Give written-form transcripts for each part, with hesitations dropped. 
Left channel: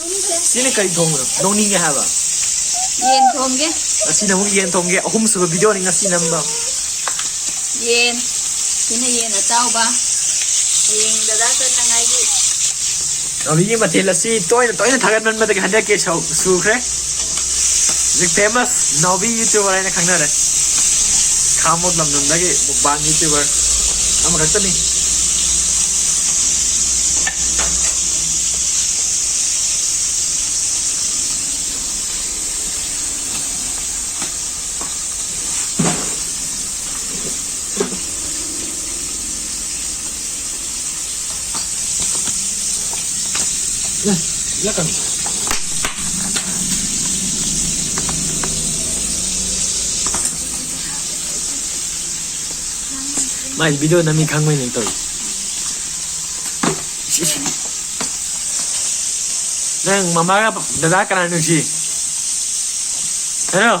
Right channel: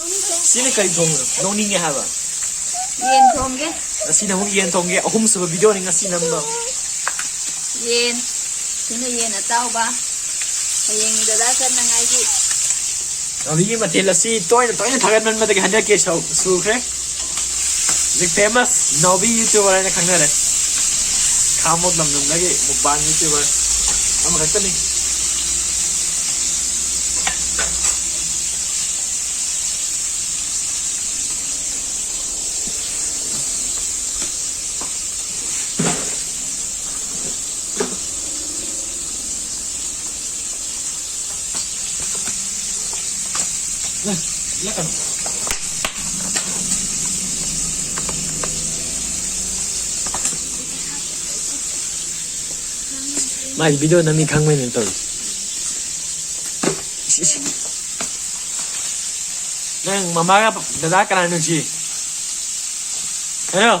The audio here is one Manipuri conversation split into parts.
Sini kari thong no ni nga haba. Yen thong ge. Sini mo yen thong ge ahum su video ni nga sini namba. Yen. Sini yen atau ba. Yen dada kan na ngai gi. Abi ma thela si toy na thagan man ma de handa ke su kre. The famous Novi YouTuber na khangna re. Khamod lam nam lagi mukbang YouTuber. Am rakta ni. Lakan. Mai video nami khangmai ni toi. Nang mama ka dada kana nu ji. Hello.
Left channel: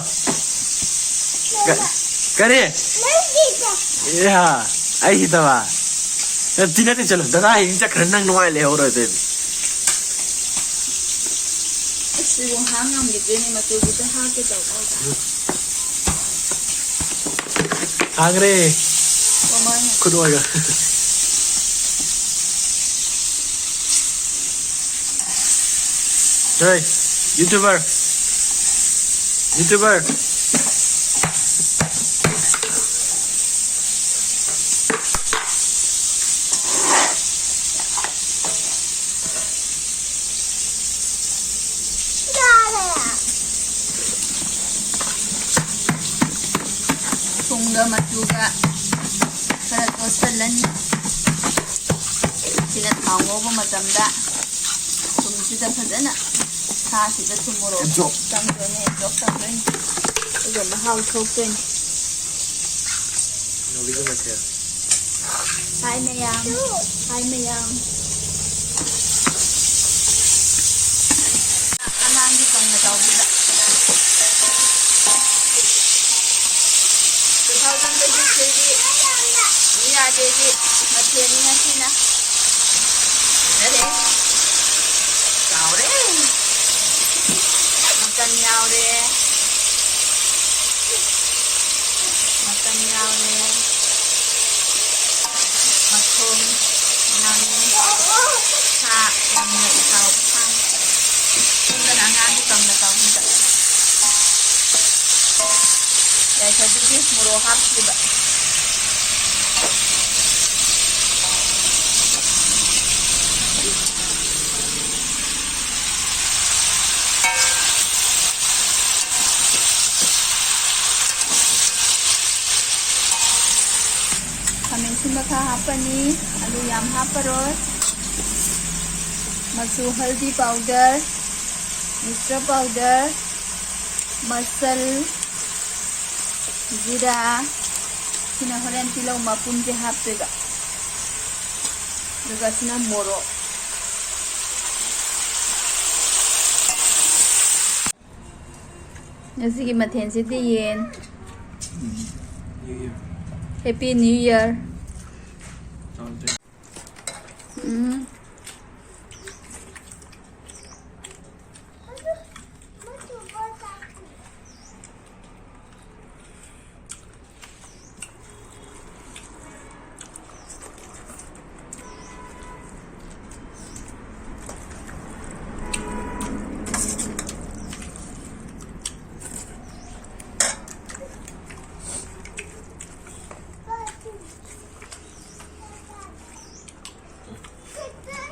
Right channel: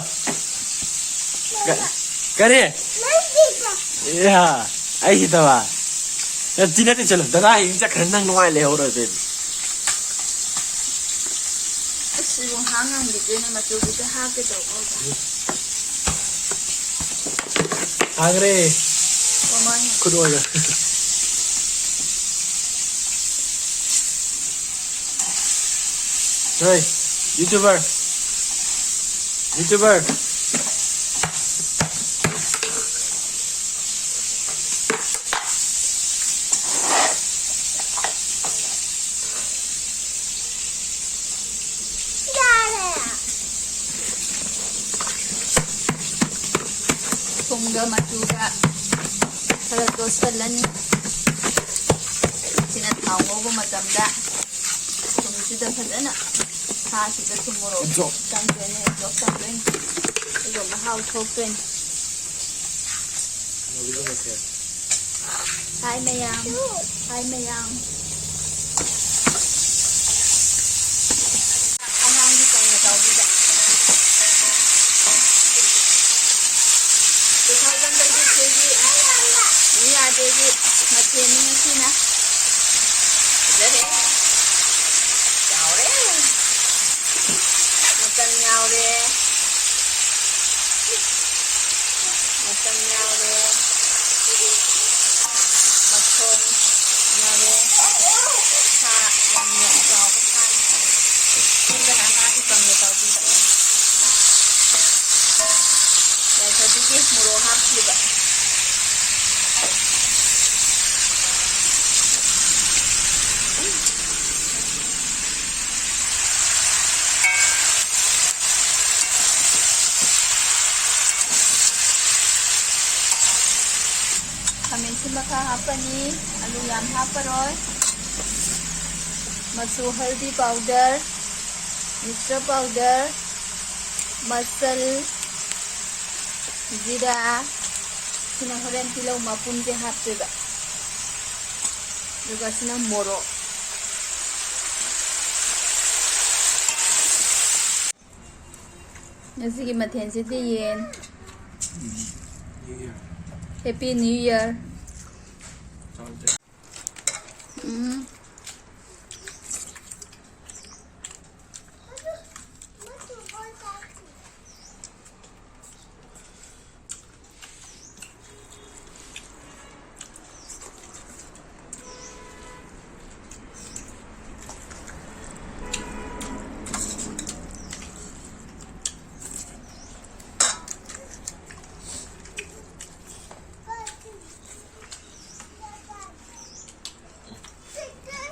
Kare. Ya, ai hita ba. Tina te chalo dada hin cha khanang nuai le ho ra te. Sibu hangam di ni matu kita ha ke tau ba. Agre. Pamai. Kudoya. Hey, YouTuber. Tungga matuga. Para tostalan. Sina thaungo ba matamda. Kung sida phadana. Tha sida tumoro. Tam jone drop tam ren. Igo mahau thok ren. No video ma che. Hai mayang. Anang di tong na tau sida. Jadi macam ni nanti na. Jadi, kau re, makan nyau re, makan nyau re, makan nyau re, tak yang nak tahu kan. Kita nak nanti kau nak tahu tidak. Jadi sedikit merohak juga. Kami sudah hapa ni, alu yam hapa ros, masu haldi powder, mixture powder, masal, jira, sina horen tilaw mapun ke hapa ga, juga sina moro. Nasi ki mathen se yen. Happy New Year.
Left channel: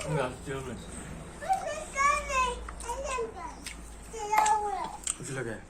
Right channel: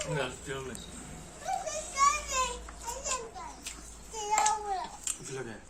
Enggak, still. What's it like?